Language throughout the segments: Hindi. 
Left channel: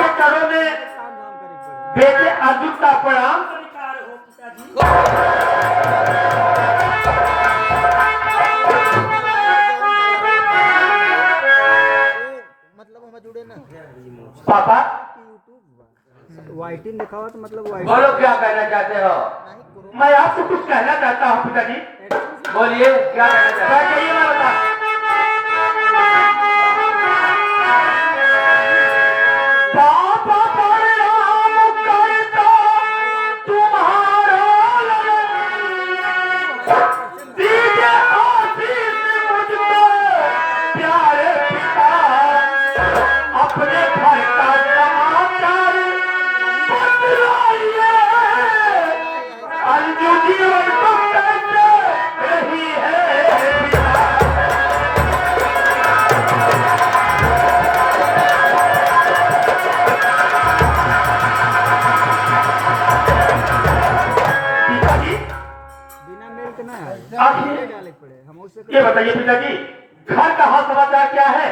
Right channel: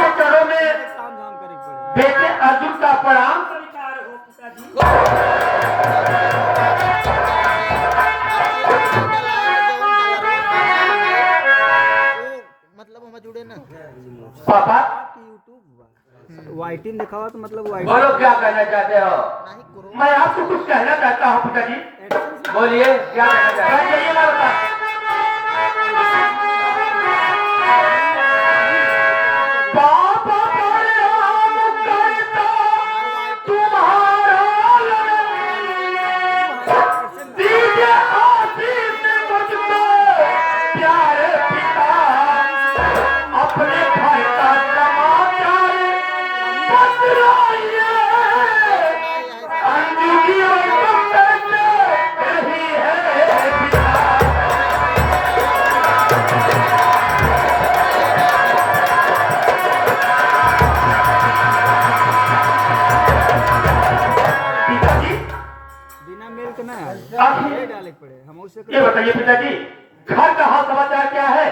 आपके चरणों में बेटे अर्जुन का प्रणाम स्वीकार हो पिताजी। मतलब हम जुड़े ना पापा वाइटिन दिखाओ तो मतलब बोलो क्या कहना चाहते हो? मैं आपसे कुछ कहना चाहता हूँ पिताजी। बोलिए क्या कहना चाहते हैं? ये बात बता। पापा परिणाम करता तुम्हारा दीजिए आशीष मुझको प्यारे पिता, अपने घर का समाचार बतलाइए। अंजू जीवन को कैसे रही है पिता। पिताजी बिना मेल के ना आखिर डाले पड़े हम उससे ये बताइए पिताजी, घर का हाल समाचार क्या है?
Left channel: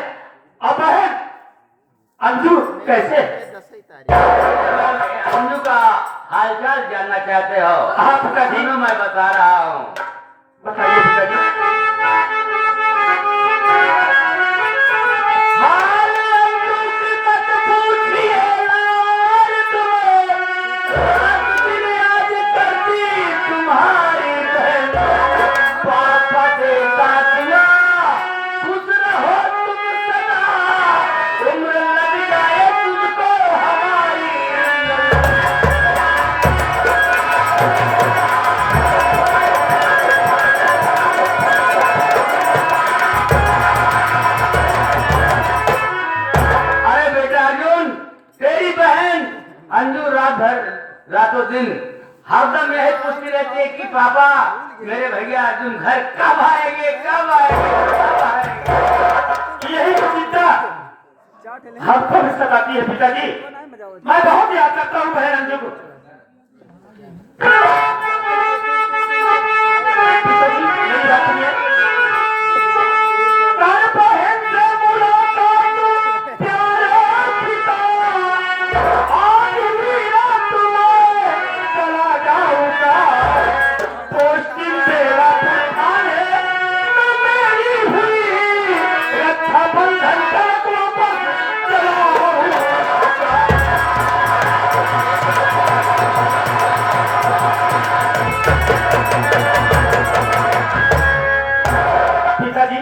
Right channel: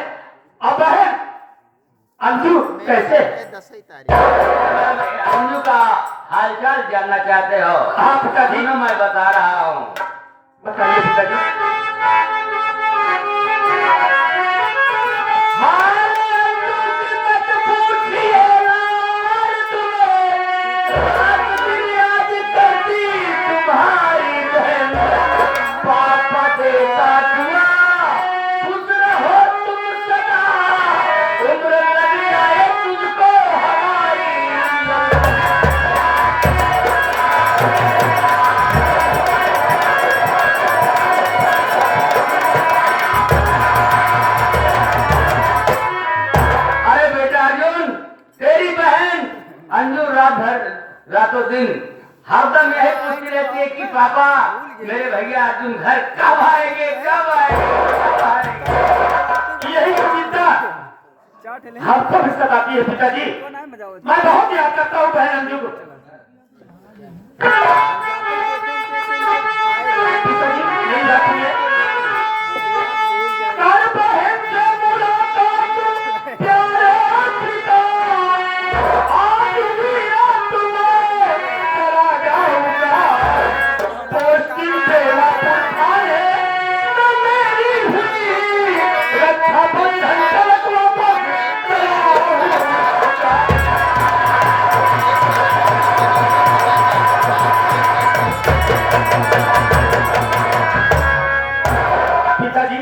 अब बहन अंजू कैसे? 10 तारीख अंजू का हालचाल जानना चाहते हो? हाँ पिताजी तीनों मैं बता रहा हूँ। बताइए पिताजी। हाल अंजू की मत पूछिए यार तुम्हें, आज दिल आज करती तुम्हारी बहन। पापा देता दुआ खुश रहो तुम सदा, उम्र लग जाए तुझको हमारी। अरे बेटा अर्जुन, तेरी बहन अंजू रात भर रातों दिन हरदम यही पूछती रहती है कि पापा मेरे भैया अर्जुन घर कब आएंगे, कब आएंगे, कब आएंगे। यही चिंता हमको भी सताती है पिताजी। मैं बहुत याद करता हूँ बहन अंजू को। पिताजी मेरी बात सुनिए। कर बहन से मुलाकात प्यारे पिता, आज ही रात में चला जाऊंगा। पोस्टिंग बेला पठाने में मेरी हुई, रक्षा बंधन तलक वापस चला आऊंगा। पिताजी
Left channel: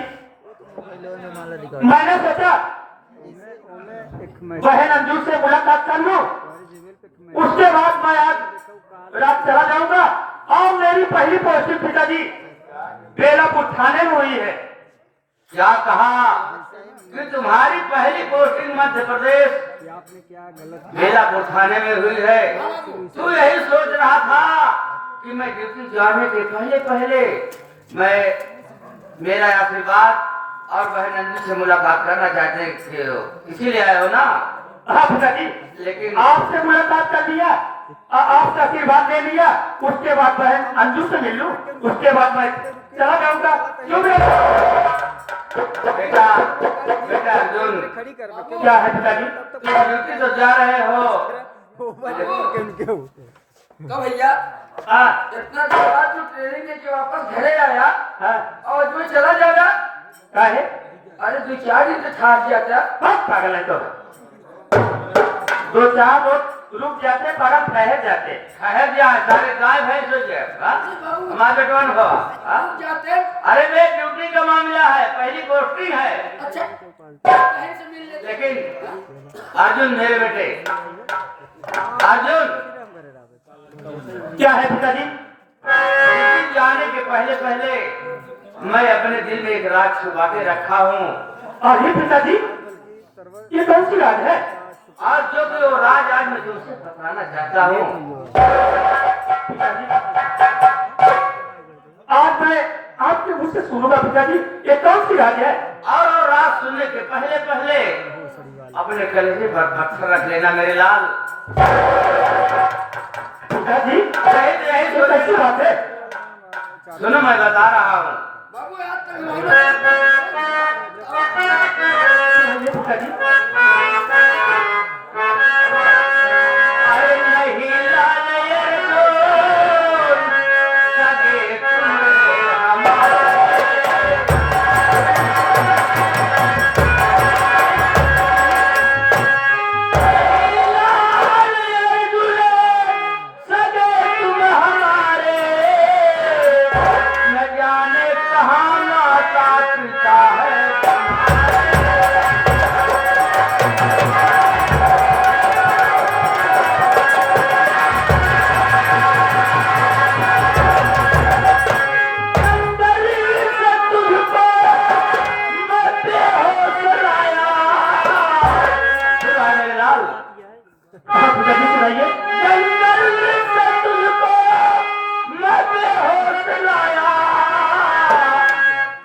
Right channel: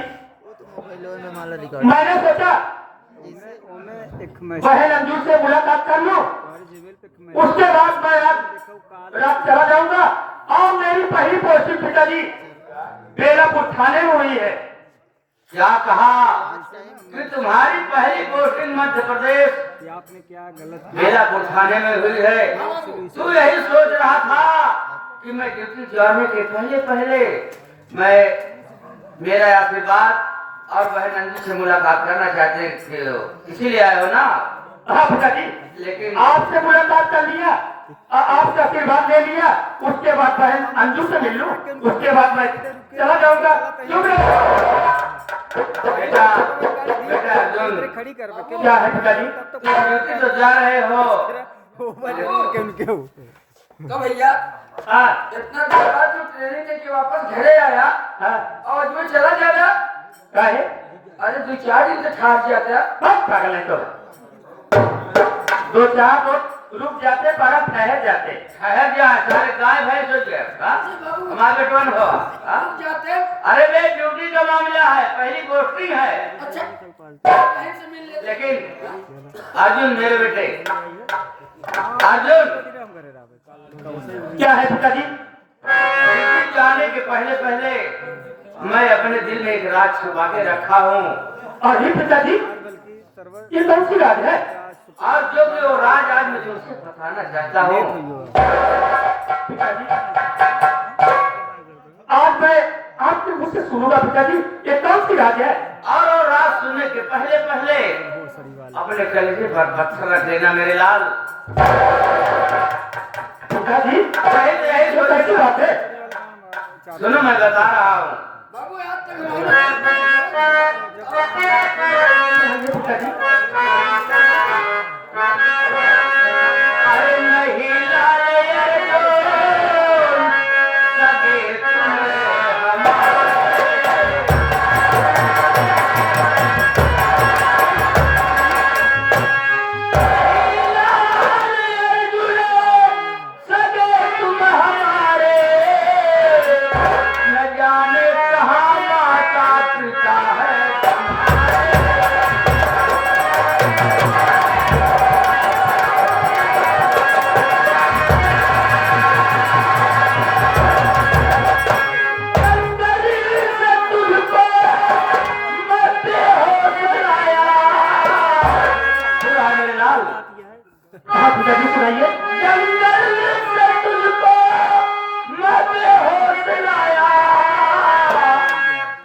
माला रिकॉर्ड मैंने सोचा बहन अंजू से मुलाकात कर लूं, उसके बाद मैं आज रात चला जाऊंगा। और मेरी पहली पोस्टिंग पिताजी बेलापुर थाने में हुई है। क्या कहा कि तुम्हारी पहली पोस्टिंग मध्य प्रदेश आपने क्या गलत बेलापुर थाने में हुई है? तू यही सोच रहा था कि मैं ड्यूटी जाने के पहले पहले मैं मेरा आशीर्वाद और बहन अंजू से मुलाकात करना चाहते थे हो, इसीलिए आए हो ना? हाँ पिताजी, लेकिन आपसे मुलाकात कर लिया, आपसे आशीर्वाद ले लिया, उसके बाद बहन अंजू से मिल लूं, उसके बाद मैं चला जाऊंगा। क्यों बेटा बेटा अर्जुन, खड़ी कर क्या है पिताजी? तुम ड्यूटी तो जा रहे हो, कब भैया हाँ इतना देर बाद तू ट्रेनिंग लेके वापस घरे आया हाँ और तू चला जाएगा? क्या है? अरे 2-4 दिन से ठाक जाता। बस पागल है तो 2-4 रोज रुक जाते, बड़ा ठहर जाते। ठहर जा, सारे गाय भैंस हो जाए। हमारे कौन हुआ? रुक जाते। अरे वे ड्यूटी का मामला है, पहली पोस्टिंग है। अच्छा कहीं से मिल लेते। लेकिन अर्जुन मेरे बेटे अर्जुन, क्या है पिताजी? ड्यूटी जाने के पहले पहले मैं अपने दिल में एक राज छुपा के रखा हूँ। और ये पिताजी ये कौन सी राज है? और जो कि वो राज आज मैं तुमसे बताना चाहता हूँ। आज मैं आपके मुझ से सुनूंगा पिताजी, ये कौन सी राज है? और वो राज सुनने के पहले पहले अपने कलेजे पर पत्थर रख लेना मेरे लाल। पिताजी सही तो यही ये कैसी बात है? सुनो, मैं बता रहा हूँ। बाबू आज तक ये पिताजी हाँ पिताजी सुनाइए। जंगल से तुझको मैं बेहोश लाया,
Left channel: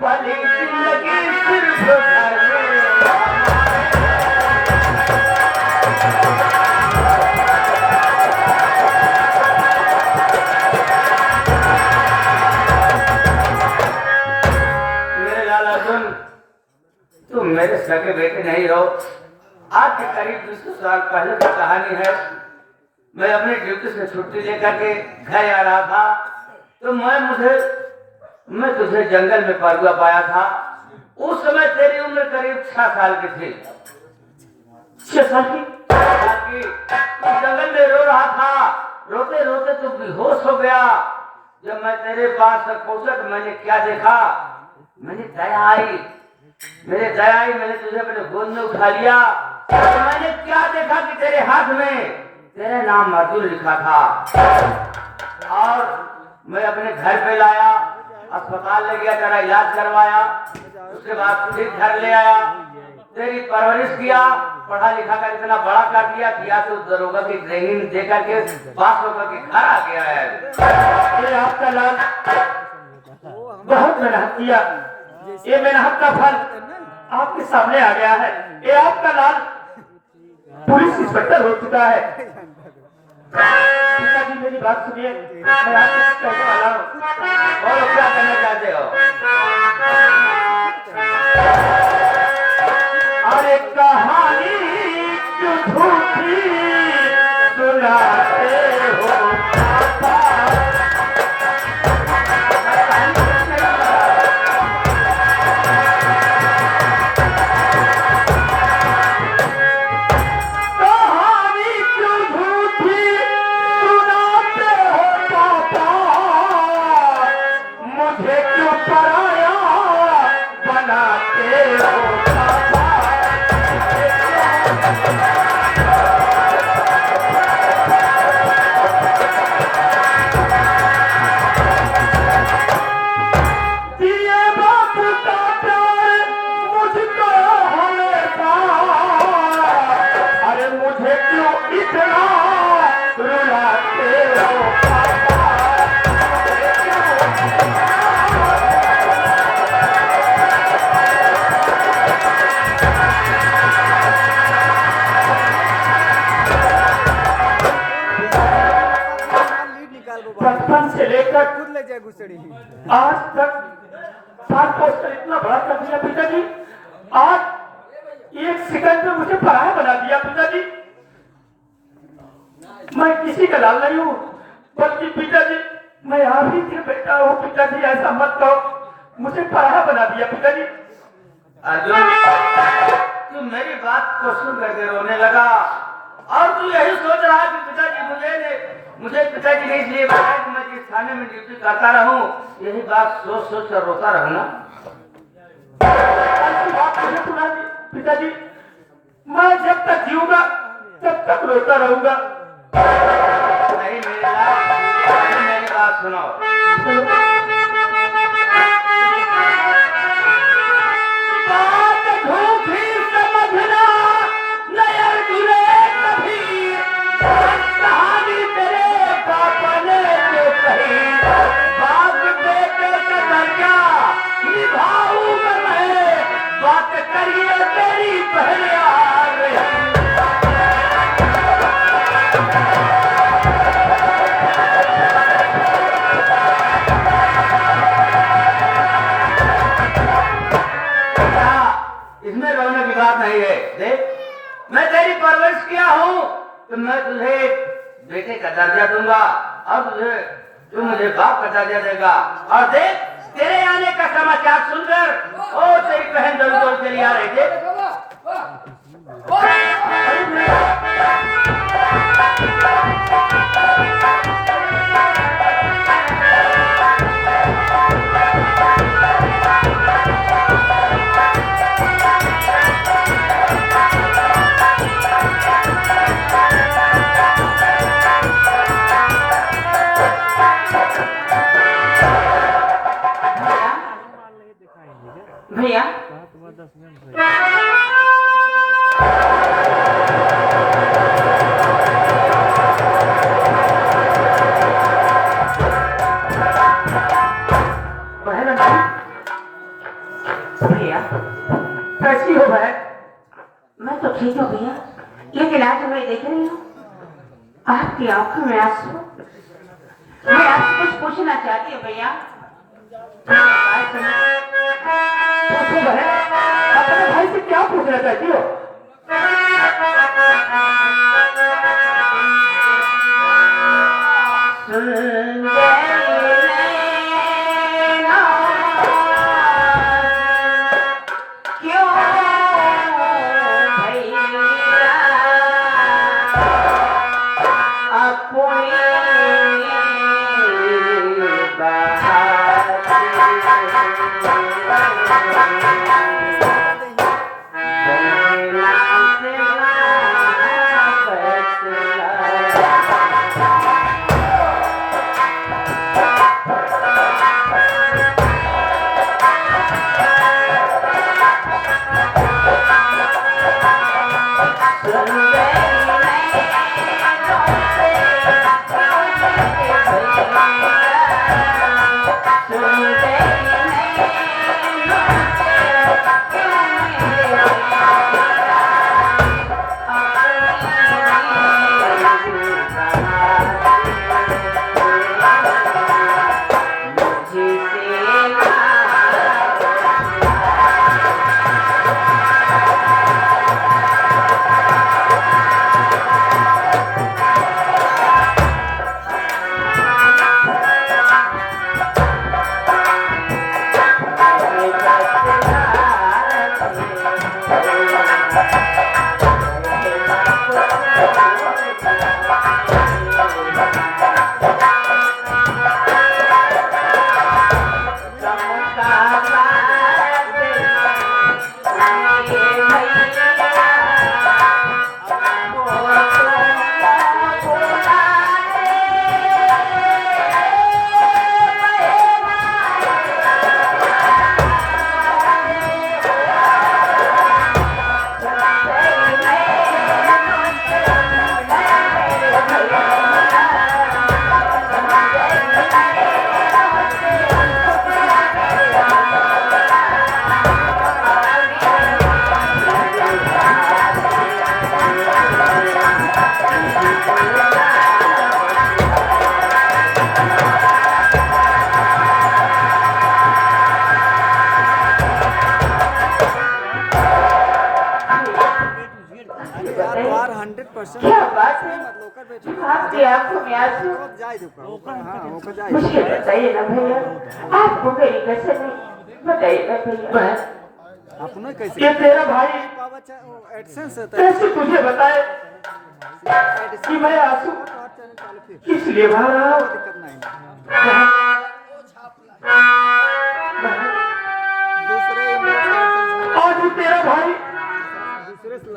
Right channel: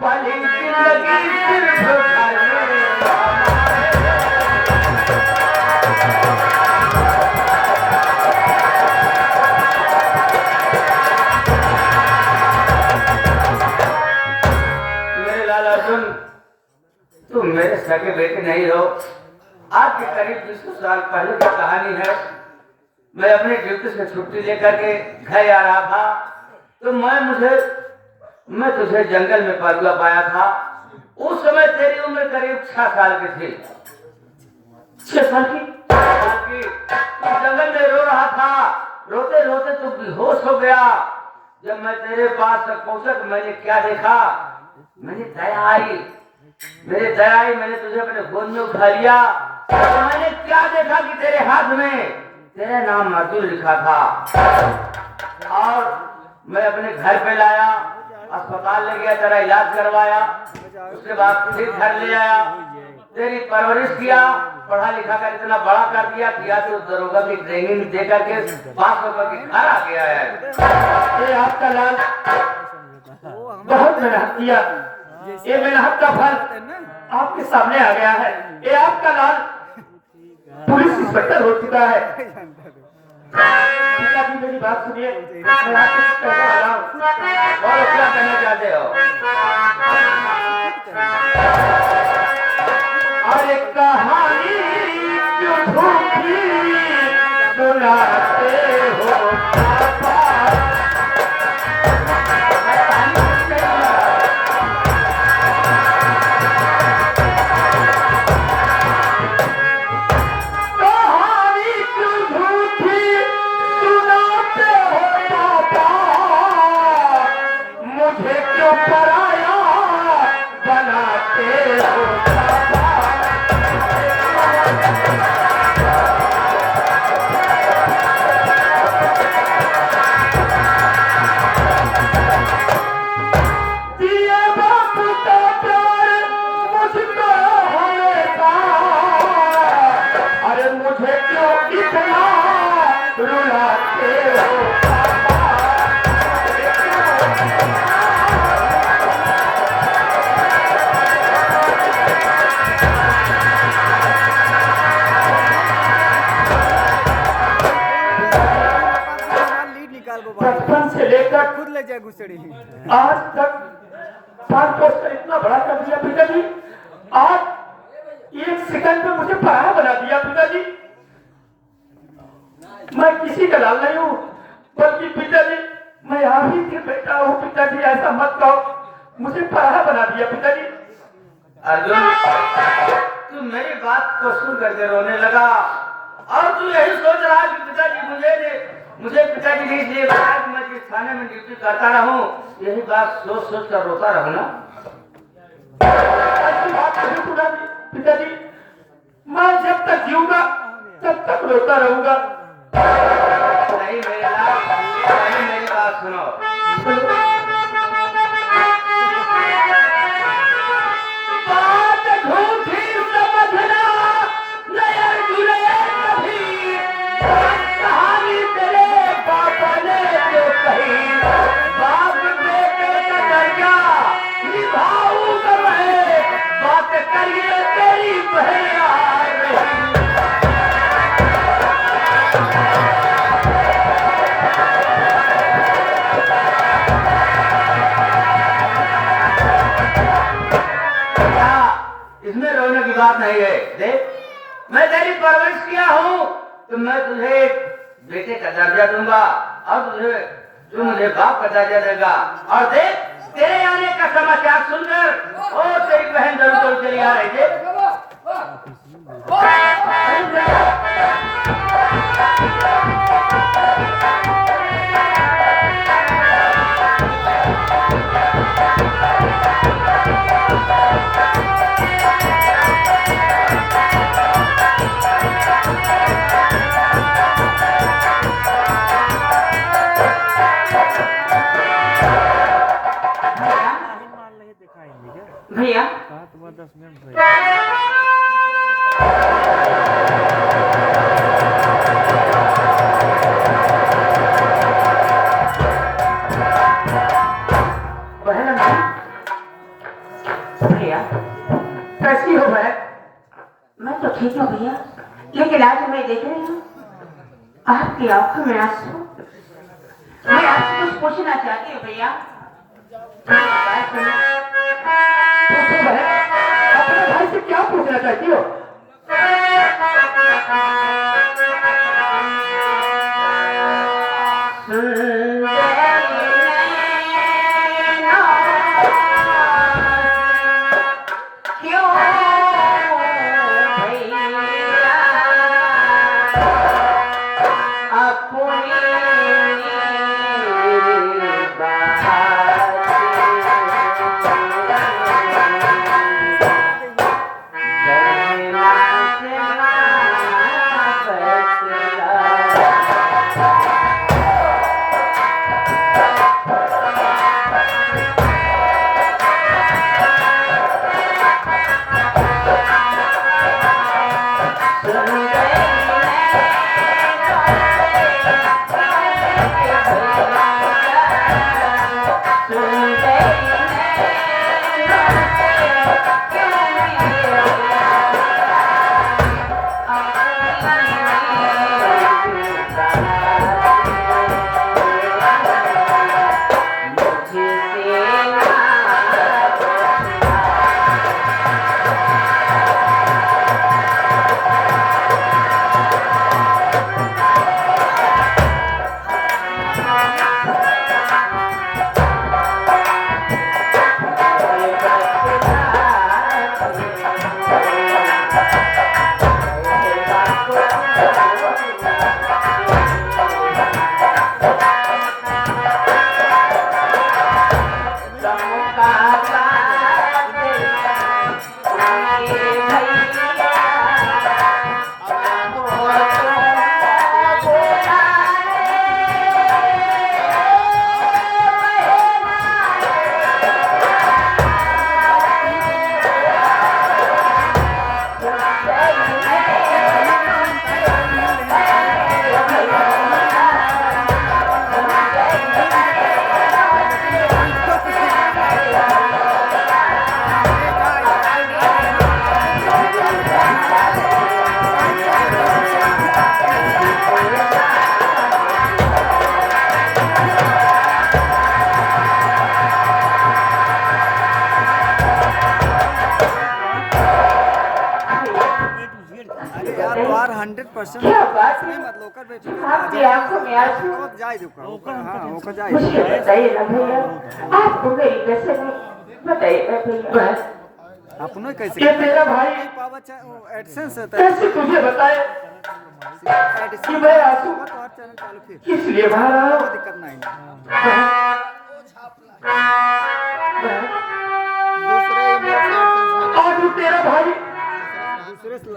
पली जिंदगी सिर्फ घर में। मेरे लाल अर्जुन, तुम मेरे सगे बेटे नहीं हो। आज के करीब 200 साल पहले की कहानी है। मैं अपनी ड्यूटी से छुट्टी लेकर के घर आ रहा था, तो मैं तुझे जंगल में परुआ पाया था। उस समय तेरी उम्र करीब 6 साल की थी। 6 साल की? तू जंगल में रो रहा था। रोते रोते तू बेहोश हो गया। जब मैं तेरे पास तक पहुंचा तो मैंने क्या देखा? मैंने दया आई, मैंने तुझे अपने गोद में उठा लिया। और मैंने क्या देखा कि तेरे हाथ में तेरा नाम अर्जुन लिखा था। और मैं अपने घर पे लाया, अस्पताल ले गया, तेरा इलाज करवाया। उसके बाद फिर घर ले आया, तेरी परवरिश किया, पढ़ा लिखा कर इतना बड़ा कर दिया किया तो दरोगा की ट्रेनिंग दे करके पास होकर के घर आ गया है। ये आपका लाल बहुत मेहनत किया, ये मेहनत का फल आपके सामने आ गया है। ये आपका लाल पुलिस इंस्पेक्टर हो चुका है। पिताजी मेरी बात सुनिए, मैं आपको कुछ कहने वाला हूँ। और क्या कहना चाहते हो? अरे कहानी क्यों झूठी सुनाते हो पापा? कहानी क्यों झूठी सुनाते हो पापा? मुझे क्यों पराया बनाते हो पापा? दिए बाप का प्यार मुझको हमेशा, अरे मुझे क्यों इतना रुलाते हो पापा? लीड निकाल वो बाहर। बचपन से लेकर खुद ले जाए घुसड़ी। आज तक पार पोस्टर इतना बड़ा कर दिया पिताजी। आज 1 सेकंड में मुझे पराया बना दिया पिताजी। मैं किसी का लाल नहीं हूँ, बल्कि पिताजी मैं आप ही के बेटा हूँ। पिताजी ऐसा मत कहो, मुझे पराया बना दिया पिताजी। अर्जुन, तू मेरी बात को सुन करके रोने लगा और तू यही सोच रहा कि पिताजी मुझे पिताजी ने इसलिए बताया कि मैं जिस थाने में ड्यूटी करता रहूं, यही बात सोच सोच कर रोता रहूं ना। ऐसी बात नहीं सुना पिताजी, मैं जब तक जीऊंगा तब तक रोता रहूंगा। नहीं मेरे लाल, नहीं मेरी बात सुनो। बात झूठी समझना नहीं अर्जुन कभी, कहानी तेरे पापा ने जो कही। बाप बेटे का दर्जा निभाऊंगा मैं, बात करिए तेरी बहन आ रही। इसमें रोने की बात नहीं है। देख, मैं तेरी परवरिश किया हूँ तो मैं तुझे बेटे का दर्जा दूंगा और तू मुझे बाप का दर्जा देगा। और देख, तेरे आने का समाचार सुनकर और तेरी बहन जरूर चली आ रही थी। भैया बहुत 10 मिनट तो मैं देख रही हूँ आपकी आंखों में आंसू। मैं आपसे कुछ पूछना चाहती हूँ भैया। बात सुनो। पूछो बहन, अपने भाई से क्या पूछना चाहती हो? क्यों भैया अपनी और 100% क्या बात है? मत लोकर बेचो आपकी आंखों में आंसू। बहुत जाए दुका हां ओकर जाए मुझे बताइए ना भैया, आपको मेरी कसम है, बताइए ना भैया। अपना कैसे ये तेरा भाई पावा एडसेंस होता है कैसे तुझे बताए कि मैं आंसू चैनल चालू किए किस लिए भर रहा हूँ? दिक्कत नहीं दूसरे email से AdSense में आज ही तेरा भाई दूसरे से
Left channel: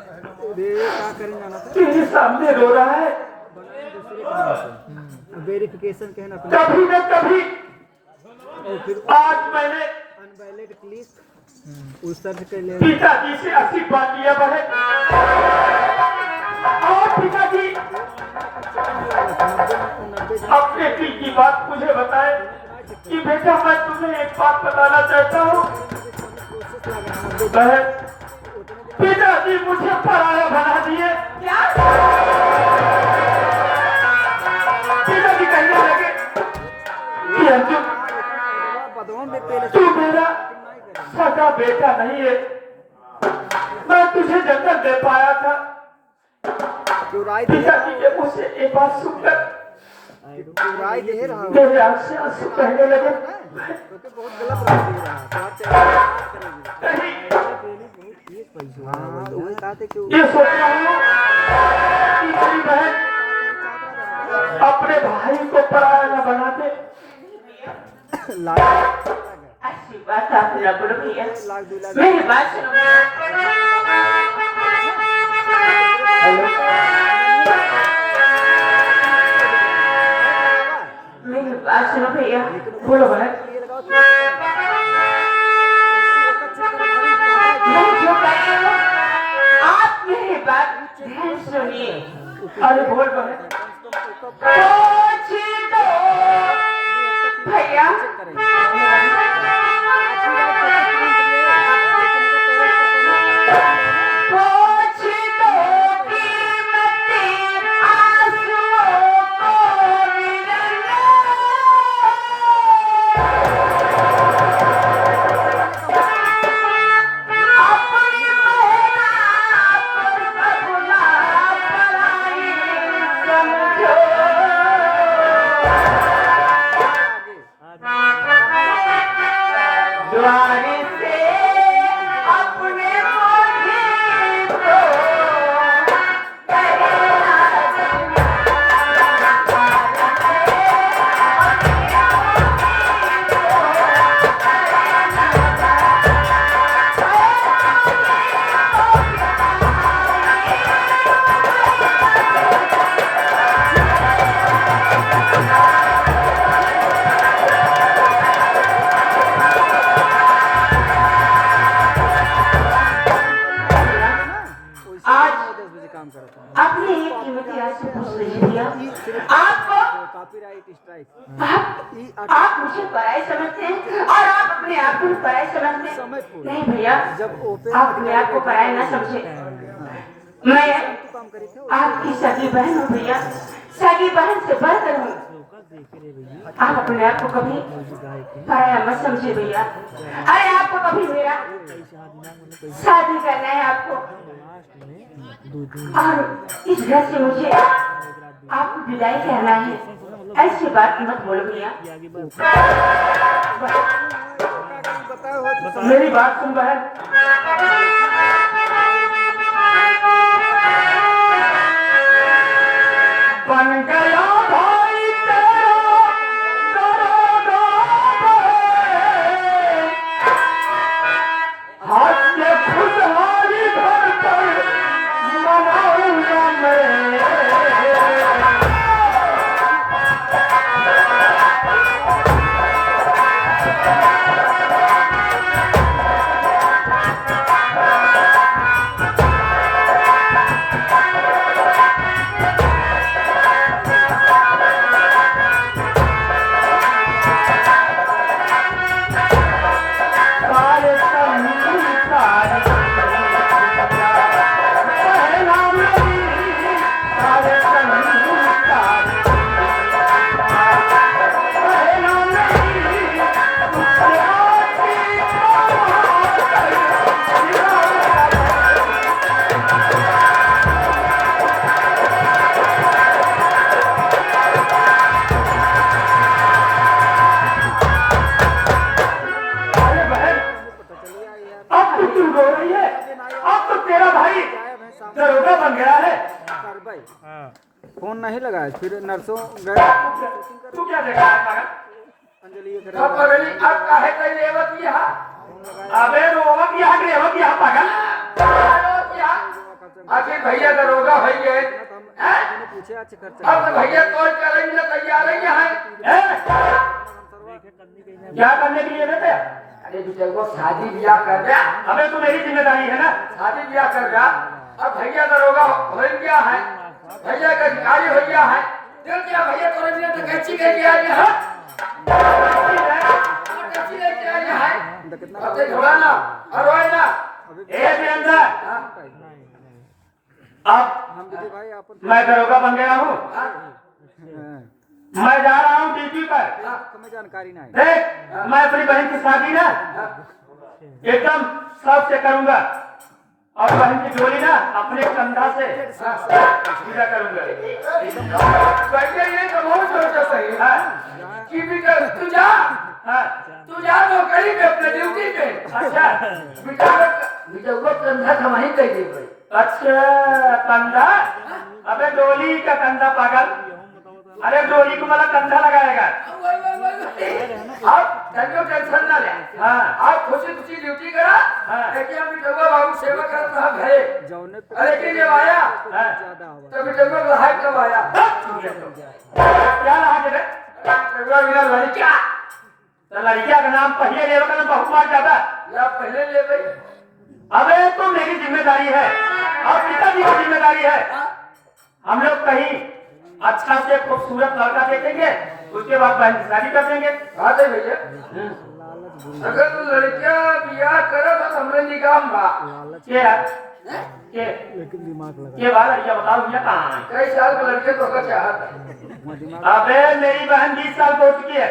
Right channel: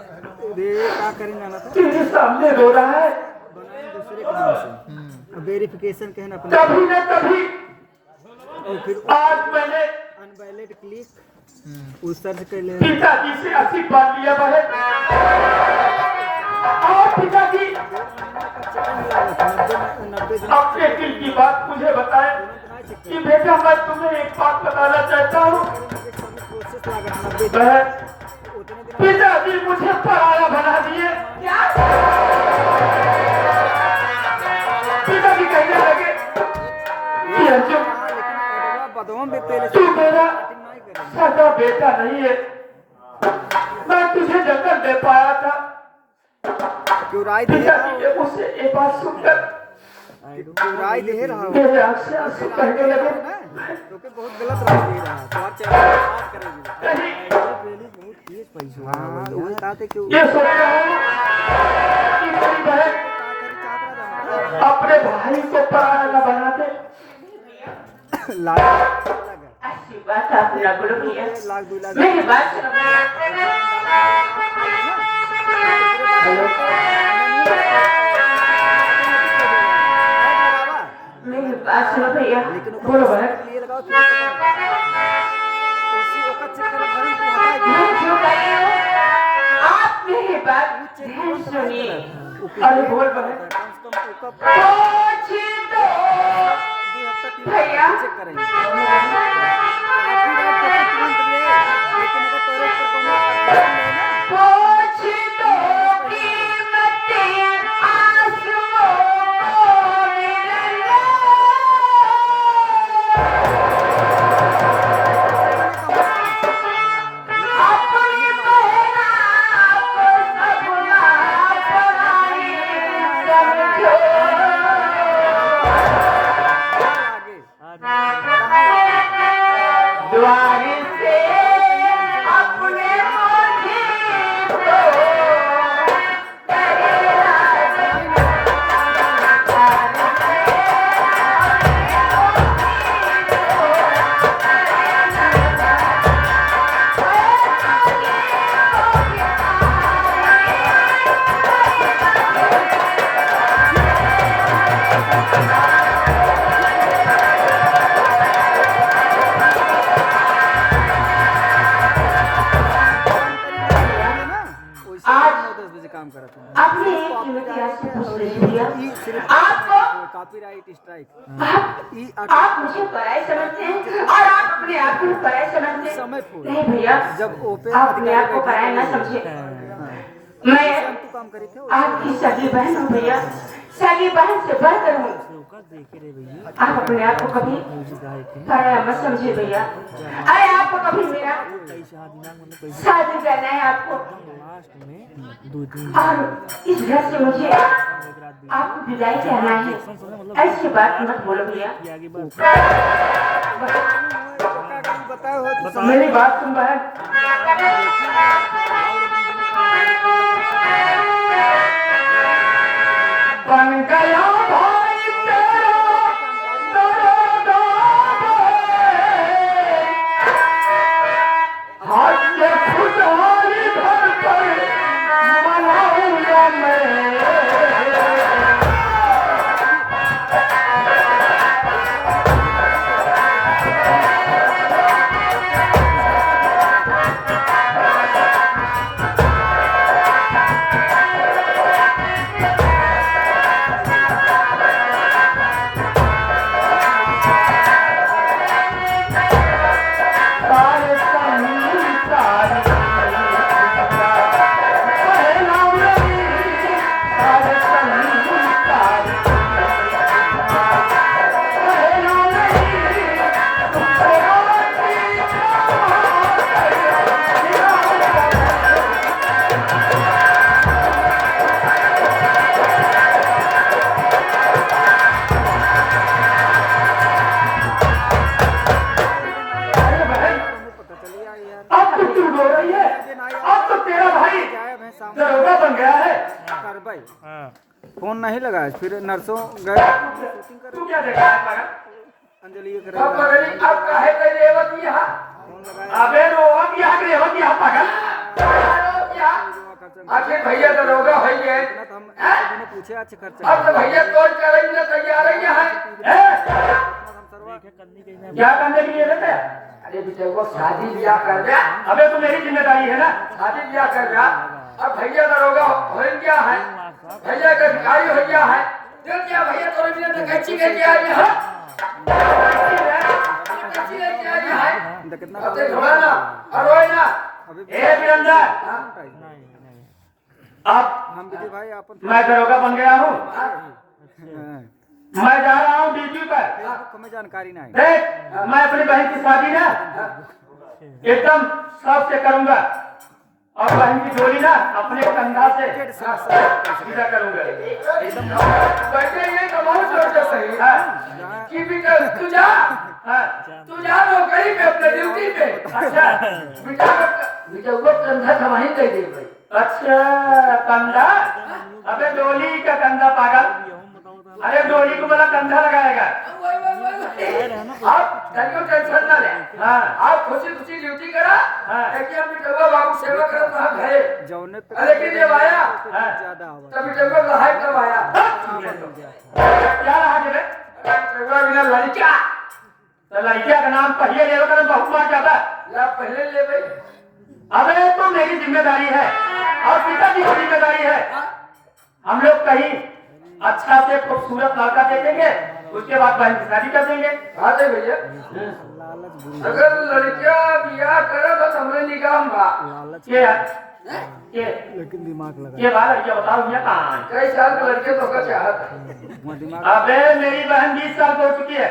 ये क्या करेंगे ना तेरे सामने रो रहा है। दूसरे के नाम से वेरिफिकेशन के है ना अपने कभी न कभी और फिर आज मैंने अनवैलिड क्लिक उस सर्च कर ले पिताजी से आशीर्वाद लिया है और पिताजी अपने दिल की बात मुझे बताए कि बेटा मैं तुम्हें एक बात बताना चाहता हूँ। बहन, पिताजी मुझे पराया बना दिए। पिताजी कहने लगे कि अर्जुन तू मेरा सगा बेटा नहीं है, मैं तुझे जन्म दे पाया था। राय पिताजी ये मुझसे ये बात सुनकर दे रहा हूँ मेरे आँख से आंसू बहने लगे। क्योंकि बहुत गलत राय दे रहा है नहीं, हाँ तो वही कहा थे कि ये सोच रहा हूँ कि मेरी बहन अपने भाई को पराया न बना दे। लाख अच्छी बात आप ना बोलो भैया, लाख 2 लाख मेरी बात सुनो। हेलो, मेरी बात सुनो भैया। बोलो बहन, ये लगाओ मैं जो कह रही हूँ आप मेरी बात ध्यान सुनिए। अरे बोल बहन। पूछ दो भैया, पूछ दो कीमत क्यों द्वार से अपने माथे को आज 10 बजे काम करता हूँ। अपने एक कीमती आज से पूछ रही भैया आपको कॉपीराइट स्ट्राइक आप मुझे पराई समझते हैं और आप अपने आप को पराई समझते हैं नहीं भैया आप अपने आप को पराई ना समझे मैं काम करी थी आपकी सगी बहन हूँ भैया सगी बहन से बढ़कर हूँ आप अपने आप को कभी पराया मत समझे भैया अरे आपको कभी मेरा शादी करना है आपको और इस घर से मुझे आपको विदाई कहना है ऐसी बात मत बोलो भैया मेरी बात सुन बहन बन गया भाई तेरा दरोगा हाथ से खुशहाली भर कर मनाऊंगा मैं सारे संसारी पहला मेरी सारे संसारी पहला मेरी अरे बहन अब तो क्यों रो रही है अब तो तेरा भाई दरोगा बन गया है फोन नहीं लगाया फिर नर्सों गए तू क्या देखा है पागल अंजलि के अब बगली अब काहे कई रेवत यहाँ अबे रोवत यहाँ के रेवत यहाँ पागल आखिर भैया दरोगा भैया पूछे अच्छे खर्चा अब तो भैया कोई करेंगे तैयार ही है क्या करने के लिए रहते अरे बेटा वो शादी ब्याह कर रहा अबे तू मेरी जिम्मेदारी है ना शादी ब्याह कर रहा अब भैया दरोगा हो गया है भैया का भिखारी हो गया है देख क्या भैया तोरे बिना तो कैची लेके आ गया है कैची लेके आ गया है कितना अब तो घोड़ा ना और रोए ना ए वीरेंद्र अब हम भी भाई आप मैं दरोगा बन गया हूँ मैं जा रहा हूँ ड्यूटी पर हमें जानकारी नहीं देख मैं अपनी बहन की शादी ना एकदम शौक से करूंगा और बहन की डोली ना अपने कंधा से पूजा करूंगा बैठे ये तो बहुत जोर से सही हाँ, की भी कर तू जा हाँ, तू जा नौकरी पे अपने ड्यूटी पे अच्छा बेटा वो कंधा का वहीं कह दे भाई अच्छा कंधा अबे डोली का कंधा पागल अरे डोली को मतलब कंधा लगाएगा आप तनियो टेंशन ना ले हाँ आप खुशी खुशी ड्यूटी करा हाँ। एकदम बिटवा बाबू सेवा कर रहा घरे जौने पे अरे कि जब आया हाँ ज्यादा आवा तब बिटवा लहाय कब आया क्या रहा रे बिटवा बिना लड़का तो लड़किया का नाम पहले ले लो कर बहुत बार जाता या पहले ले भाई अबे तो मेरी जिम्मेदारी है और पिताजी की जिम्मेदारी है हम लोग कहीं अच्छा से खूबसूरत लड़का देखेंगे उसके बाद बहन की शादी कर देंगे हाँ दे भैया अगर लड़किया बियाह करे तो हमरे निगाह बा ये ये लेकिन दिमाग लगा ये बात लड़किया बताओ भैया कहाँ है कई साल के लड़के तो कर चाहता है दिमाग अबे मेरी बहन 20 साल की हो चुकी है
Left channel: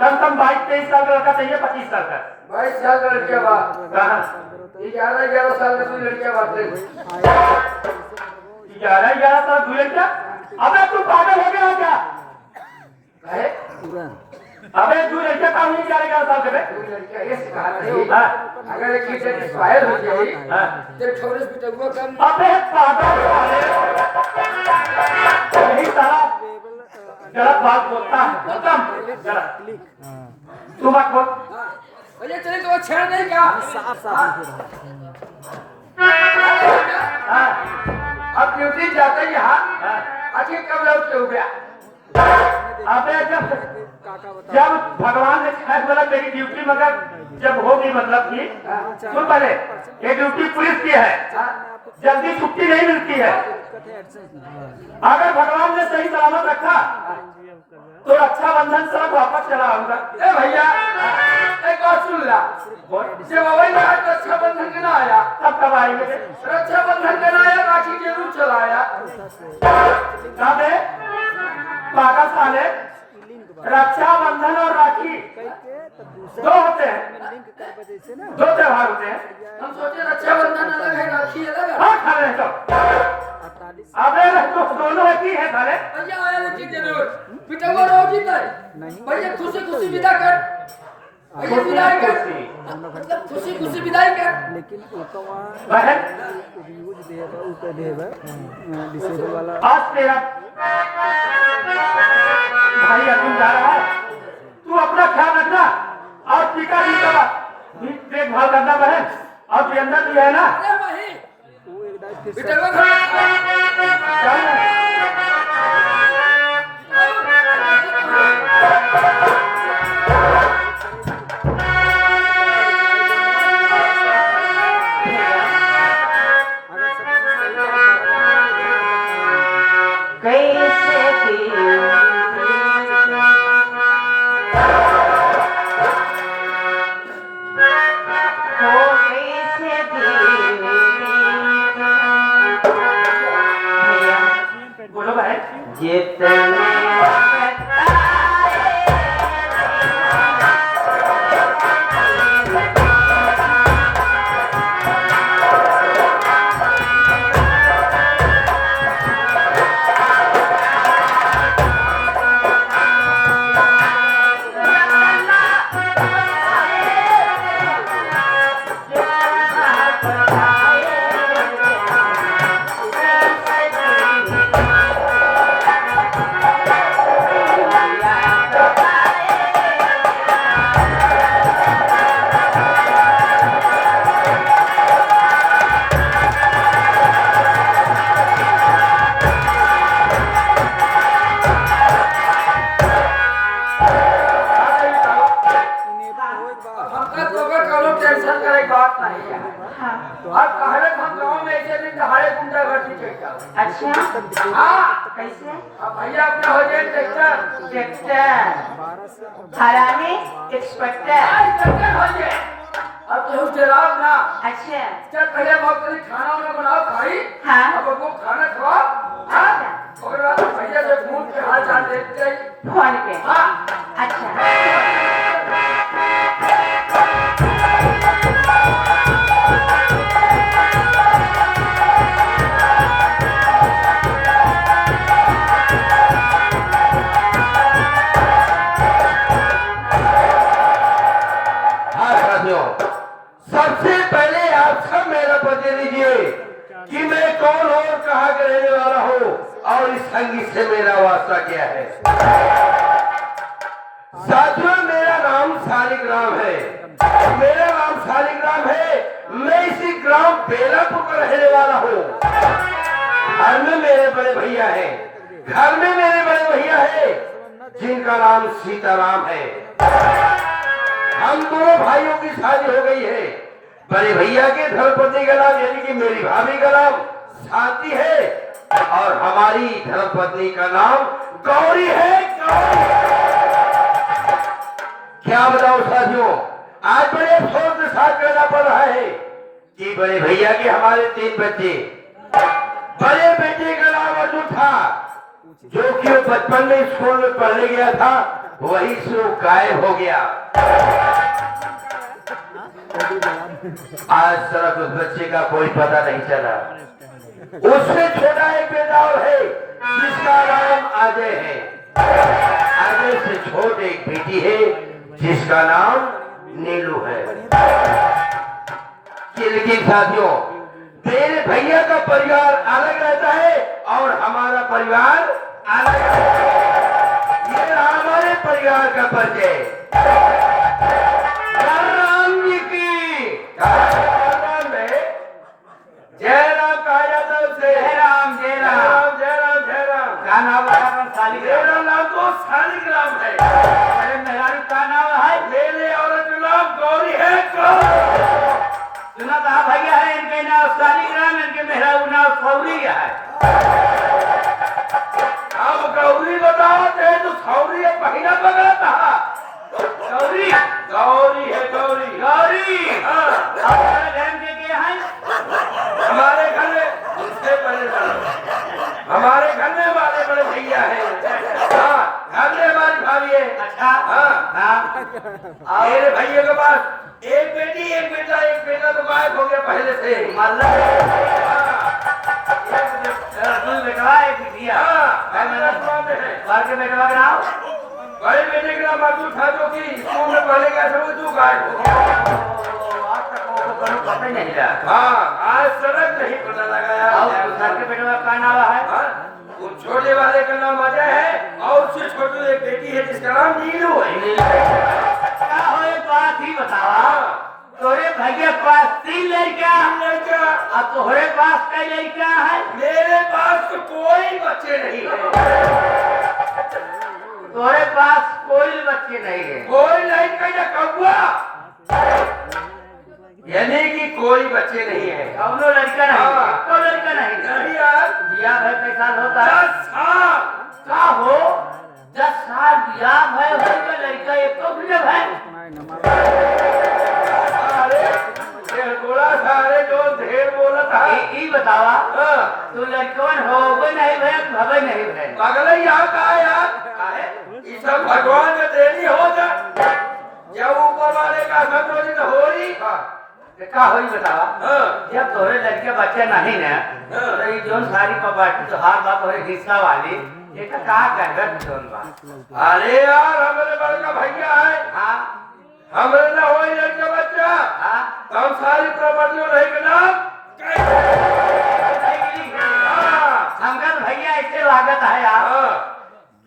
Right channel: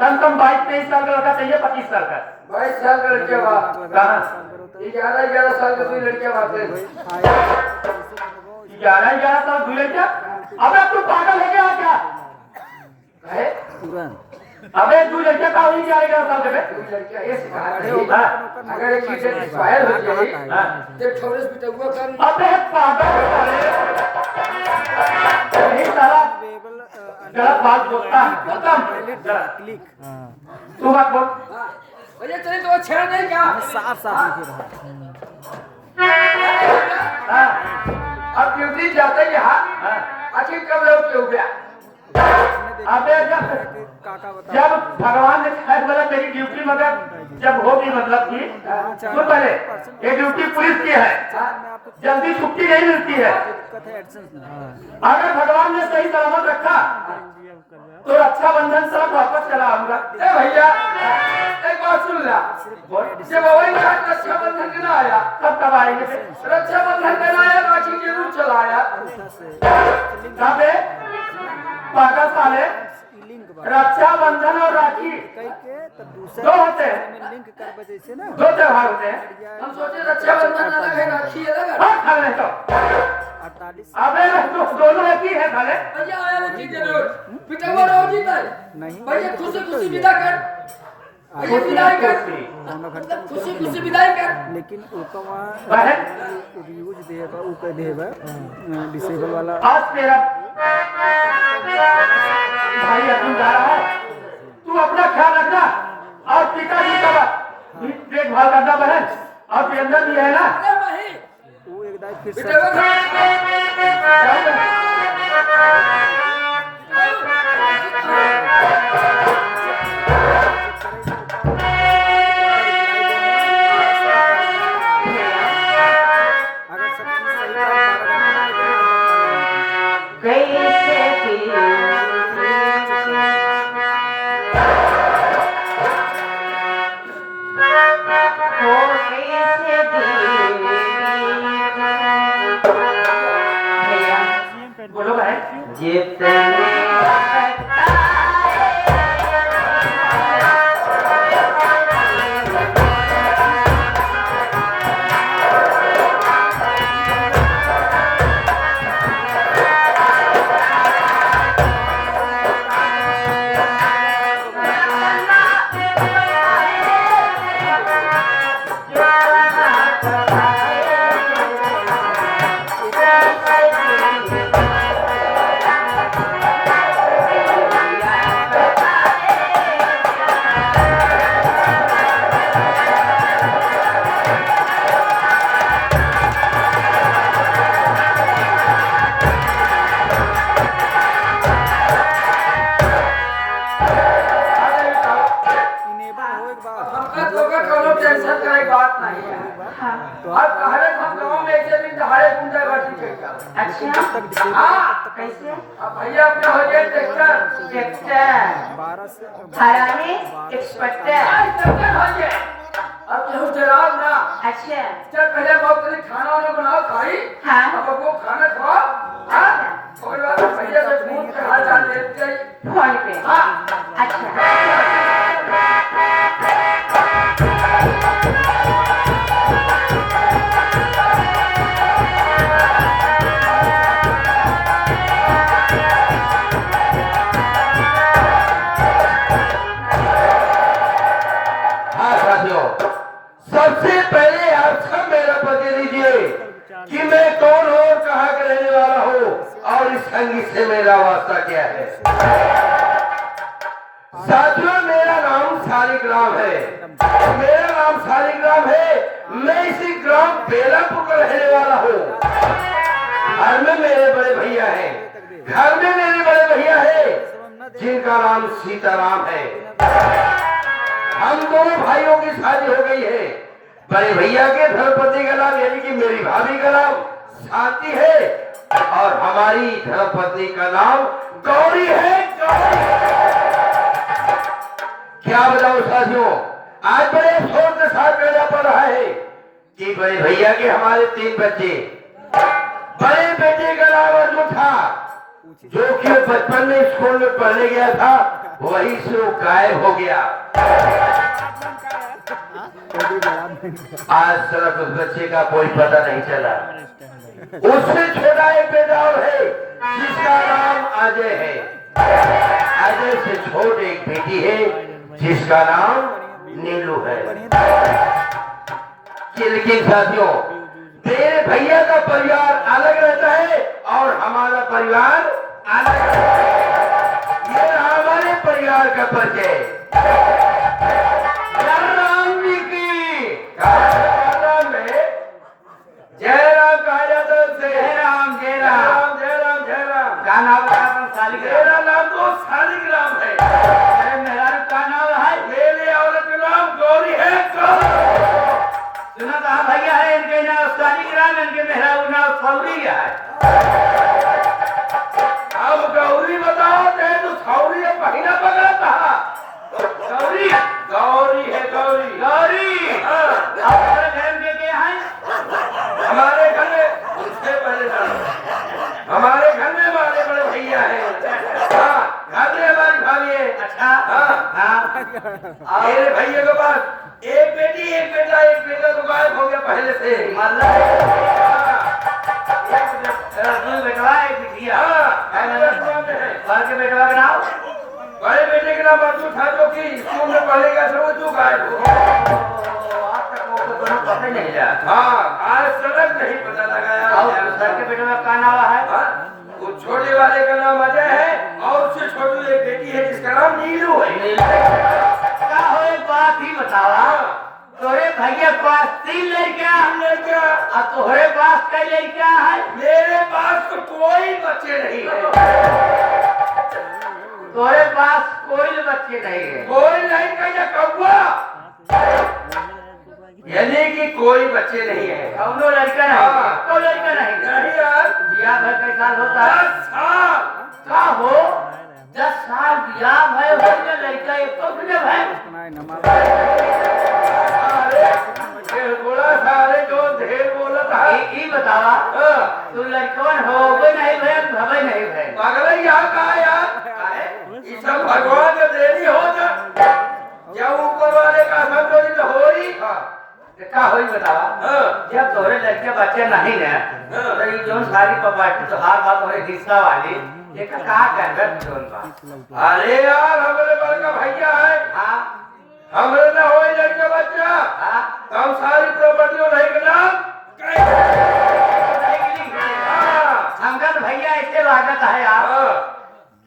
कम से कम 22-23 साल का लड़का चाहिए 25 साल का 22 साल का लड़के बा कहाँ 11 साल के 2 लड़कियां बात 11 साल 2 लड़किया अबे तू पागल हो गया है क्या? कहे अबे तू लड़का काम नहीं करेगा साहब बे? लड़का ये सिखा रही हाँ। अगर एक चीज एक्सपायर हो जाए हाँ। तो ठोरस बिटुआ कर अबे पागल वाले यही सारा गलत बात बोलता है गलत क्लिक तू बात बोल भैया चले तो छेड़ नहीं क्या साफ साफ हाँ अब ड्यूटी जाते कि हाँ हाँ आखिर कब लौट के हो गया अबे जब भगवान ने कहा बोला तेरी ड्यूटी मगर जब होगी मतलब कि तो पहले ये ड्यूटी पुलिस की है जल्दी छुट्टी नहीं मिलती है अगर भगवान ने सही सलामत रखा तो रक्षाबंधन सड़क वापस चला आऊंगा ए भैया एक बात सुन ला जब वही रक्षाबंधन के ना आया तब कब आएंगे फिर? रक्षाबंधन के ना आया राखी जरूर चलाया कहाँ पे पागल साले रक्षाबंधन और राखी दो होते हैं लिंक कर वजह से ना दो त्योहार होते हैं हम सोचे रक्षाबंधन अलग है राखी अलग है हाँ खा रहे तो 48 अबे दोनों एक ही है खाले भैया आया लेकिन जरूर पिटवा रोज ही नहीं भैया खुशी खुशी विदा कर भैया विदाई कर मतलब खुशी खुशी विदाई कर लेकिन ऊपर बहन यूज देगा ऊपर देगा डिसेबल वाला आज तेरा भाई अर्जुन जा रहा है तू अपना ख्याल रखना और पिताजी का भी देखभाल करना बहन और प्रियंका भी है ना अरे भाई वो एक दाई फिर से पिटवा अगर सब सही कैसे की हो कैसे दी भैया बोलो बहन जितने हमका तो का कोनो टेंशन करे के बात नहीं है हाँ अब कहले हम गांव में ऐसे भी दहाड़े गुंडा गर्दी चलता अच्छा हां कैसे अब भैया अपने हो जाए ट्रैक्टर एक्टर हराने एक्सपेक्टर आज करते भैया अब केहू जराब ना अच्छा चल पहले बहुत करी खाना वाना बनाओ खाई हाँ अब वो खाना खाओ हां और बाद भैया से पूछ के हाल चाल देख जाई फोन पे हां अच्छा हाँ साथियों सबसे पहले आप सब मेरा पता लीजिए कि मैं कौन हूँ और कहाँ का रहने वाला हूँ और इस संगीत से मेरा वास्ता क्या है। साथियों मेरा नाम शालिग्राम है मेरा नाम शालिग्राम है मैं इसी ग्राम बेलापुर का रहने वाला हूँ। घर में मेरे बड़े भैया हैं घर में मेरे बड़े भैया हैं जिनका नाम सीताराम है। हम दोनों भाइयों की शादी हो गई है। बड़े भैया के धर्मपत्नी का नाम यानी कि मेरी भाभी का नाम शांति है और हमारी धर्मपत्नी का नाम गौरी है। क्या बताओ साथियों आज बड़े अफसोस के साथ कहना पड़ रहा है कि बड़े भैया के हमारे 3 बच्चे बड़े बेटे का नाम अर्जुन था जो कि बचपन में स्कूल में पढ़ने गया था वहीं से वो गायब हो गया। आज तक उस बच्चे का कोई पता नहीं चला। उससे छोटा एक बेटा और है जिसका अजय है। अजय से छोटी एक बेटी है जिसका नाम नीलू है। लेकिन साथियों, तेरे भैया का परिवार अलग रहता है और हमारा परिवार अलग रहता है। ये रहा हमारे परिवार का परिचय। राम जी की नाम है जयराम कहा जाता है उसे। जय राम जय राम। जयराम जयराम। क्या नाम है शालिग्राम? मेरा नाम तो शालिग्राम है। अरे मेहरारू का नाम है? मेरी औरत का नाम गौरी है। गौरी। सुना था भैया है इनके नाम शालिग्राम, इनके मेहरारू नाम सौरी है। अब गौरी बताओ चाहे तो सौरी है पहिला पकड़ा था। सौरी गौरी है गौरी। गौरी। हाँ। अब हमारे घर में क्या है? हमारे घर में उससे बड़े हमारे घर में हमारे बड़े भैया है। हाँ, घर में हमारी भाभी है। अच्छा। हाँ। हाँ। मेरे भैया के पास एक बेटी एक बेटा। एक बेटा तो गायब हो गया पहले से। दूध बेटवा एक बिटिया। हैदराबाद में है। घर के बेटवा का नाम? बड़े बेटे का नाम अर्जुन था जो कि स्कूल में पढ़ने गया था वो जो गायब हो गया। आप तक को पता ही नहीं रहा। हाँ, आज सड़क नहीं पता लगाया। और घर के बेटवा का नाम है? हाँ, वो छोटे वाले का नाम अजय है और उससे छोटी एक बेटी है जिसका नाम नीलू है। क्या हो एक बात ही बतावा, तोरे भैया पास 3 लड़का, लड़का अब तोहरे पास कई लड़का है? मेरे पास तो कोई बच्चे नहीं है। तोरे पास कोई बच्चे नहीं है? कोई लड़का या कौवा, यानी कि कोई बच्चे नहीं है। कौनो लड़का नहीं? हाँ। कोई लड़का नहीं? नहीं यार। बिया भाई कई साल होता है? 10 साल। क्या हो 10 साल बिया भाई हो गया, लड़का एक तो फिर है। अरे ढेर बोला था। अरे जो ढेर बोला था। ई बतावा, हाँ, तू लड़कवन होगे नहीं भैया, भवे नहीं भैया? पागल यहाँ कहा यार। ये सब भगवान का देनी होता। जब ऊपर वाले का सब रोटी तो हो ही। क्या होई बतावा? हाँ। जब तोरे लड़के बच्चे नहीं ना, हाँ। तो ये जोन सारी प्रॉपर्टी तो हर बात तोरे हिस्सा वाली, ये का कहा कर जोन बात? अरे यार हमारे बड़का भैया है। हाँ हमरे ना हो लड़का बच्चा। हाँ। हम सारी प्रॉपर्टियों नहीं के नाम हमका तो भैया ऐसे लागत है यार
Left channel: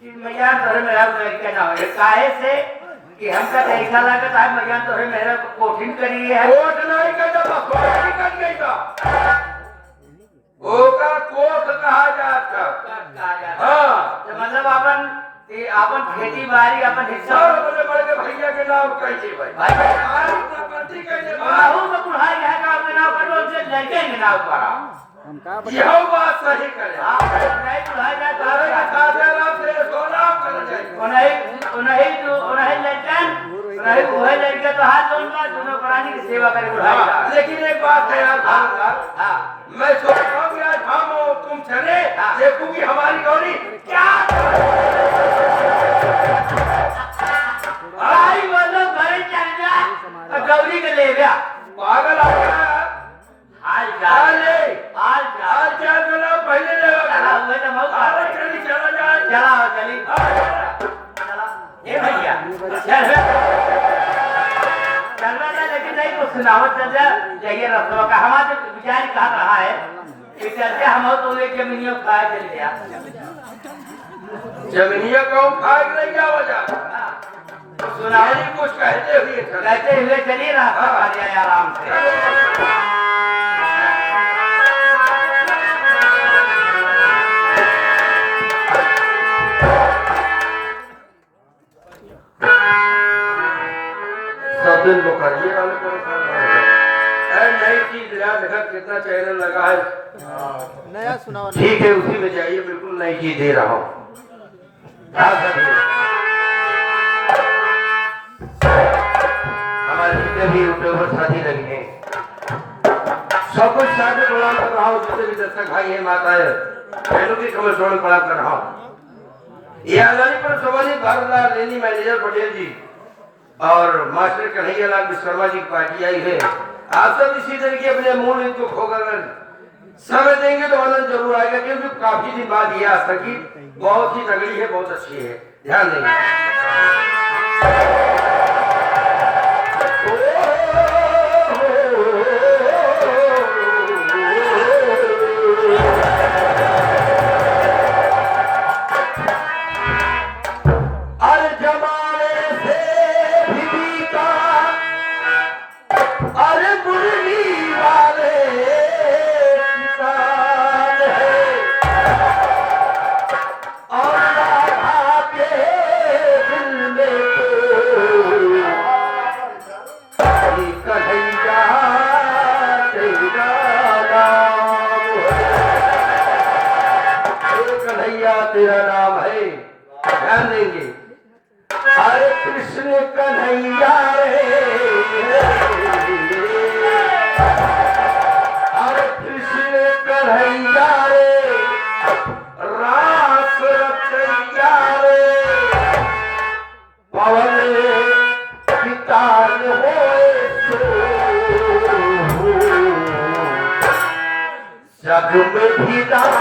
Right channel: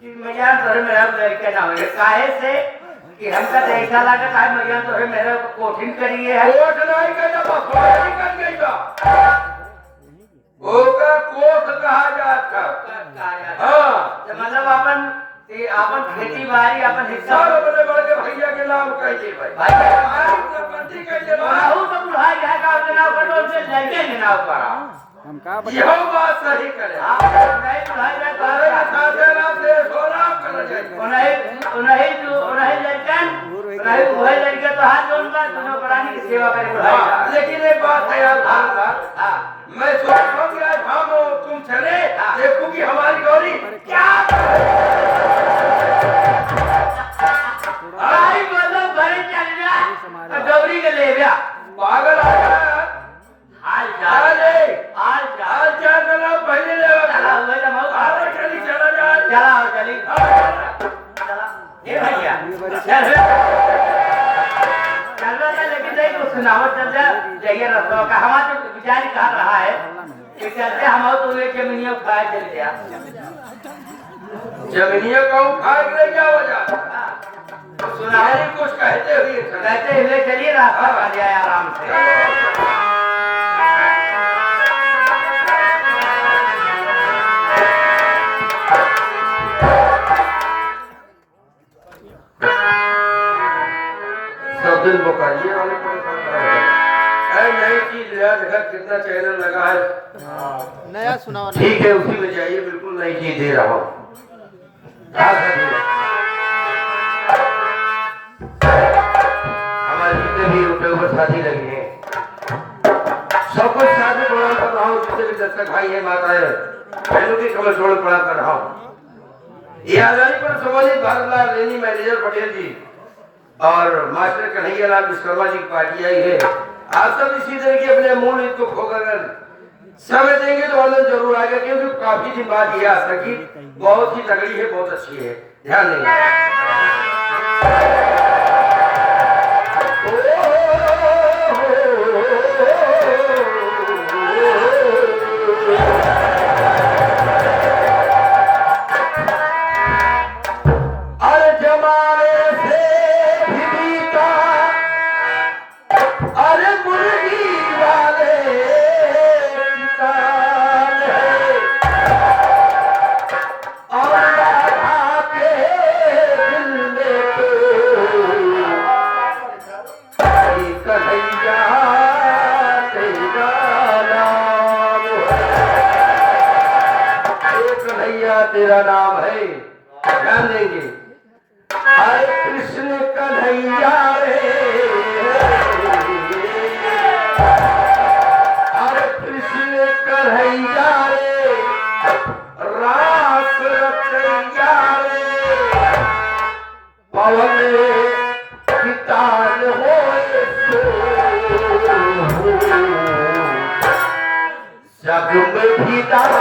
कि मैया तोरे मेरा लड़के ना हो, काहे से कि हमका तो ऐसा लागत है मैया तोरे मेरा कोठिन करिए है। कोट नहीं का जब बसोरी कर गईगा ओका कोट कहा जाता। हाँ, तो मतलब अपन खेती बाड़ी अपन हिस्सा सब अपने बड़के भैया के नाम कह दे भाई। भाई हमारी प्रॉपर्टी कह दे भाई। बाहू तो बुढ़ाई है का नाम करो से लड़के के नाम करा। हम का यह बात सही करे। आप नहीं बुढ़ाई ना तारे का करो। साथे ना से सोराब कर जाए। उन्हें लड़कन उन्हें वही लड़के तो हाथ जोड़ना दोनों प्राणी की सेवा करे बुढ़ाई हाँ, का। लेकिन एक बात है यार भारतलाल, हाँ मैं सोच रहा हूँ कि आज हम और तुम चले देखूंगी हमारी गौरी क्या भाई बोलो घरे चल जा और गौरी के ले जा। पागल आ गया यार। हाल अरे, हाल आज क्या करना पहले चला हुआ तो बहुत बात है। चली चला जाए। चला चली चला ये भैया चल चल रहा था लेकिन नहीं कुछ सुनावत चल जा जाइए रस्तों का हमारा तो विचार कहा रहा है कि चलते हम तो एक जमीनियों खाए चल गया। जमीनिया का उठा के क्या वजह सुनाओ कुछ कहते हुए कहते हुए चलिए रास्ता कर जाए आराम से। सब दिन वो करिए वाले परेशान नई चीज नया देखा कितना चैनल लगा है। नया सुनाओ। ठीक है उसी में जाइए बिल्कुल नई चीज दे रहा हूँ। हमारे जितने भी यूट्यूबर साथी लगे हैं सब कुछ शादी प्रणाम कर रहा हूँ। जितने भी दर्शक भाई है माता है बहनों की कमर छोड़ प्रणाम कर रहा हूँ। ये आजादी पर सम्मानित भारतलाल रेनी मैनेजर पटेल जी और मास्टर कन्हैया लाल विश्वकर्मा जी की पार्टी आई है। आप सब इसी तरह की अपने मूल रीत को खोकर समय देंगे तो आनंद जरूर आएगा, क्योंकि काफी दिन बाद ये आज तक की बहुत ही तगड़ी है, बहुत अच्छी है, ध्यान देंगे। अरे जमाने से भी बीता, अरे मुर्गी वाले किसान है, और राधा के दिल में तो कन्हैया तेरा नाम है, कन्हैया तेरा नाम है, ध्यान देंगे। हरे कृष्ण कन्हैया रे, हरे कृष्ण कन्हैया रे, रास रचैया रे, पवन कितान होए जग में भी दान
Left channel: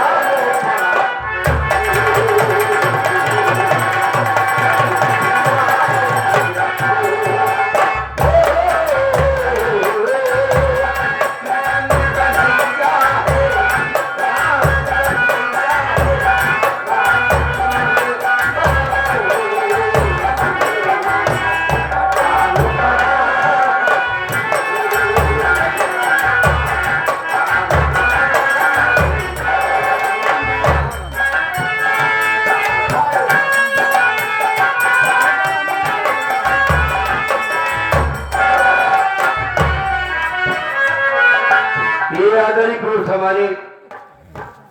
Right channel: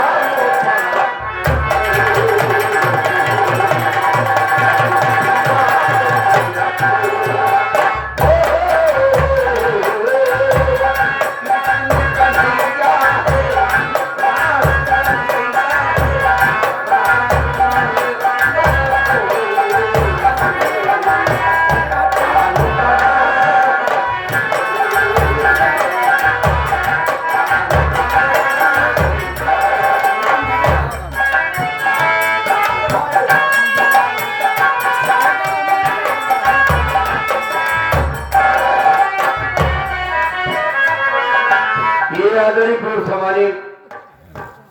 आदरणीय पुरुष हमारे,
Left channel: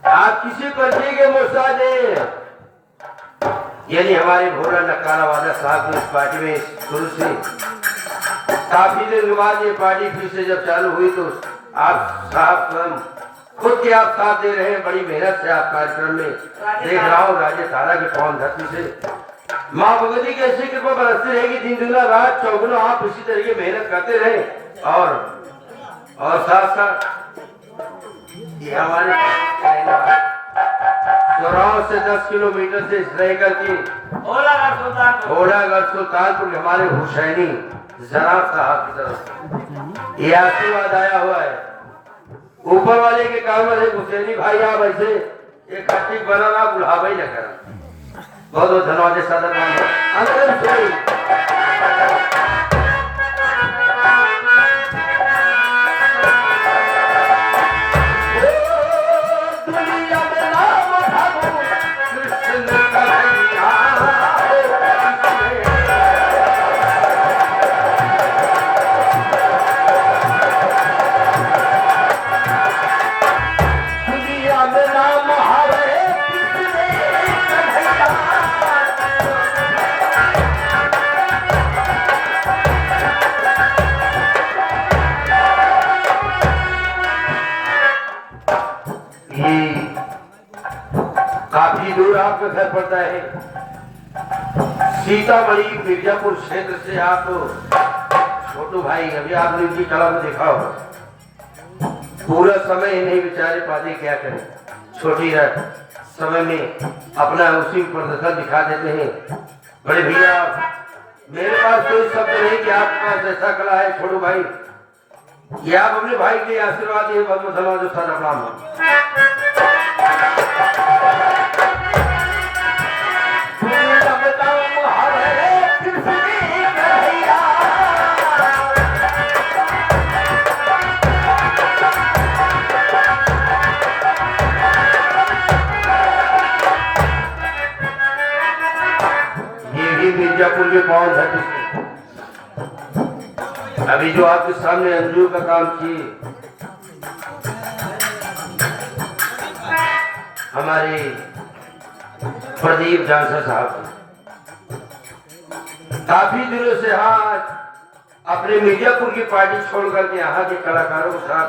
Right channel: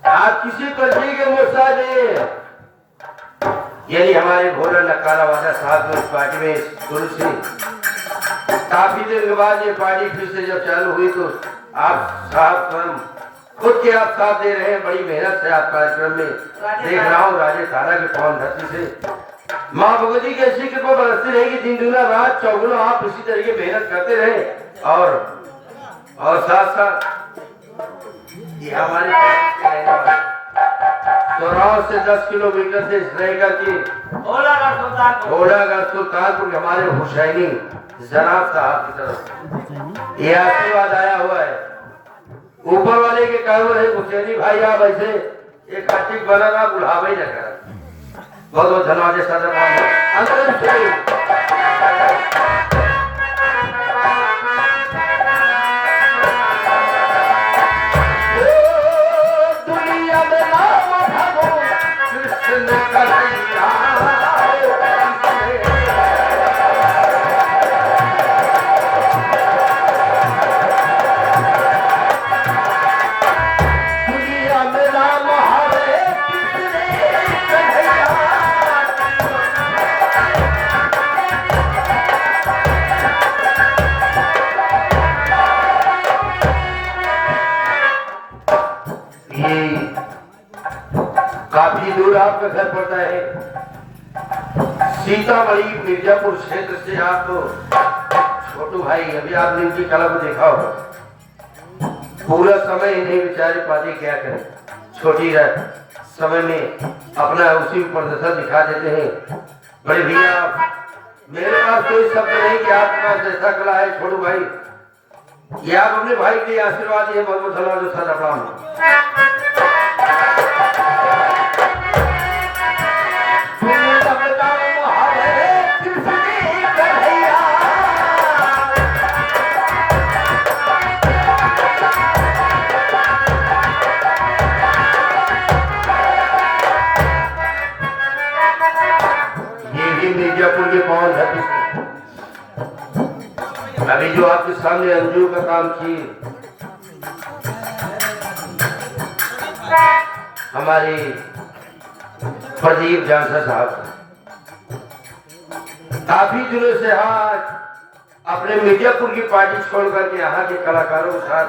आप किसी पर्ची के मोहताज नहीं, यानी हमारे भोला नकाला वाला साहब ने इस पार्टी में शुरू से काफी दिन के बाद ये पार्टी फिर से जब चालू हुई तो आप साहब स्वयं खुद के आप साथ दे रहे हैं, बड़ी मेहनत से आप कार्यक्रम में देख रहा हूँ राजे तारा के पवन धरती से माँ भगवती की ऐसी कृपा बरसती रहेगी, दिन दुना रात चौगुना आप इसी तरीके मेहनत करते रहे, और साथ साथ ये हमारे चौराहा से 10 किलोमीटर से रह करके घोड़ागढ़ सुल्तानपुर हमारे हुसैनी जनाब साहब की तरफ ये आशीर्वाद आया हुआ है, ऊपर वाले के काम है हुसैनी भाई आप ऐसे एक कार्तिक बनाना बुढ़ावा ही न करा। बहुत बहुत धन्यवाद काफी दूर आपका घर पड़ता है, सीतामढ़ी मिर्जापुर क्षेत्र से। आप छोटू भाई अभी आपने उनकी कला को देखा होगा, पूरा समय नहीं बेचारे पाते, क्या करें, छोटी समय में अपना उसी प्रदर्शन दिखा देते हैं। बड़े भैया मेरे पास कोई शब्द नहीं कि आपका जैसा कला है छोटू भाई, ये आप अपने भाई के आशीर्वाद ये बहुत धन्यवाद मिर्जापुर के पवन धरती अभी जो आपके सामने अंजू का काम किए हमारे प्रदीप जानसा साहब, काफी दिनों से अपने मिर्जापुर की पार्टी छोड़ करके यहाँ के कलाकारों के साथ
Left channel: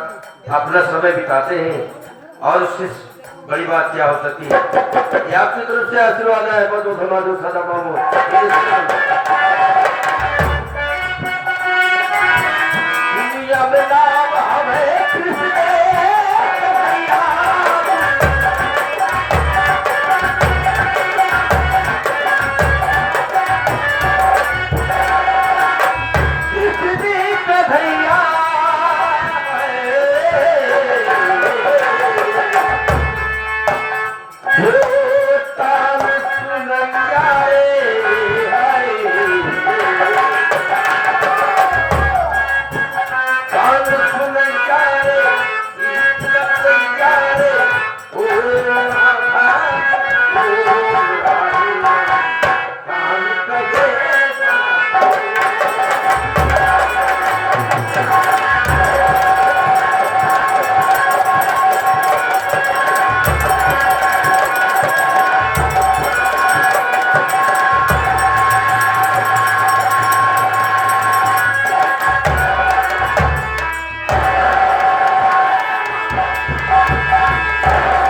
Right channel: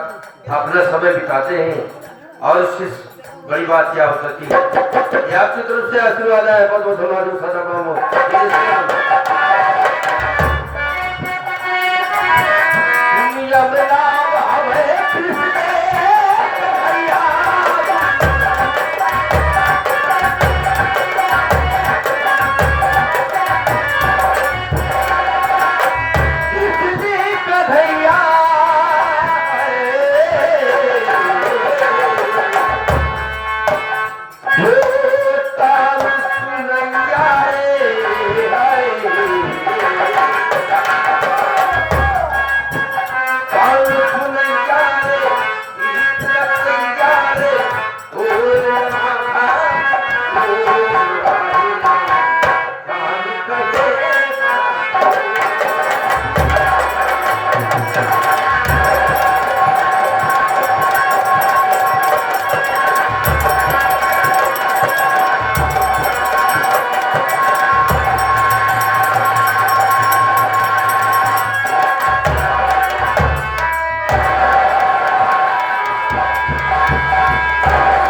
अपना समय बिताते हैं, और इससे बड़ी बात क्या हो सकती है। ये आपकी तरफ से आशीर्वाद है, बहुत बहुत धन्यवाद। कृष्ण है